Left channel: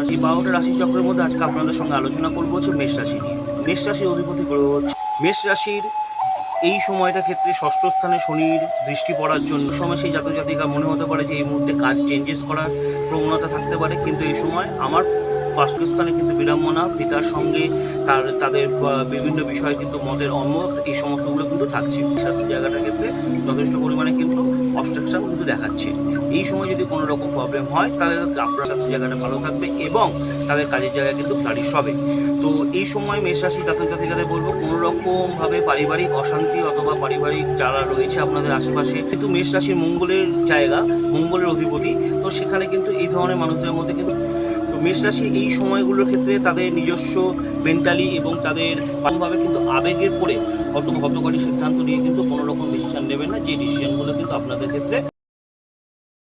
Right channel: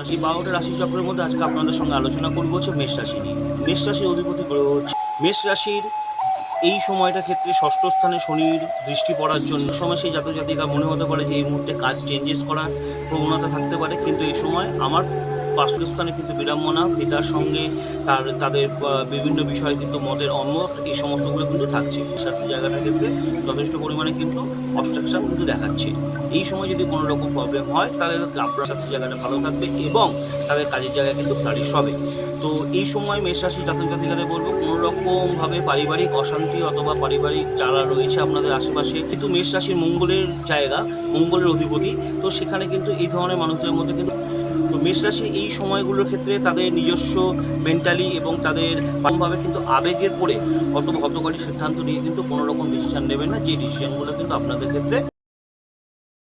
রাশি। 12টা রাশি চক্রের মধ্যে আজকে আপনাদের সঙ্গে আলোচনা করবো হচ্ছে মেষ রাশি নিয়ে। মেষ রাশির অধিপতি গ্রহ হচ্ছে মেষ রাশির। এই সময়টা ক্ষেত্রে ষষ্ঠ স্থানে শনির দৃষ্টি পড়ার জন্য সময় সেই জাতক জাতিকা মনে হতে পারে যে এই মুহূর্তে কাজ চেঞ্জেস করার প্রবণতা থাকতে পারে, কিন্তু এই সময় আমার বাস্তুস্থানে কিন্তু বিড়ম্বনা, পিতার সঙ্গে তাদের বিভিন্ন বিষয়ে কিন্তু মতের অমত, এই সমস্তগুলো কিন্তু থাকছে। স্বাস্থ্য জায়গাটার ক্ষেত্রে যথেষ্ট পরিমাণে কিন্তু অবস্ট্রাকশন কিন্তু দেখাচ্ছে। এই সময় যদি কোনো রকম প্রবলেম হয় তাহলে আপনার স্বাস্থ্য জায়গাটা ভালো থাকবে এবং তাদের কাজের জায়গায় কিন্তু ফ্লারিশ হবে। তো এই সময় মেষ রাশি জাতক জাতিকাদের বলবো কোনো রকমভাবে পারিবারিক অশান্তি অথবা পারিবারিক যারা রয়েছে আপনাদের আশেপাশে, কিন্তু মেষ রাশির মঙ্গলের জায়গা, মঙ্গলের অধিপতি, তো সেখানে কিন্তু এই ধরনের মানুষদের মধ্যে কিন্তু তো মেষ রাশি এই সময়গুলোর ক্ষেত্রে তাদের নিজস্ব মেন্টালি এবং তাদের ভাবে কিন্তু আবেগের পরে হতকারী সিদ্ধান্ত নিয়ে কিন্তু কোনো রকম ডিসিশন নেবেন না, যে ডিসিশনগুলো কিন্তু আপনাদের ক্ষেত্রে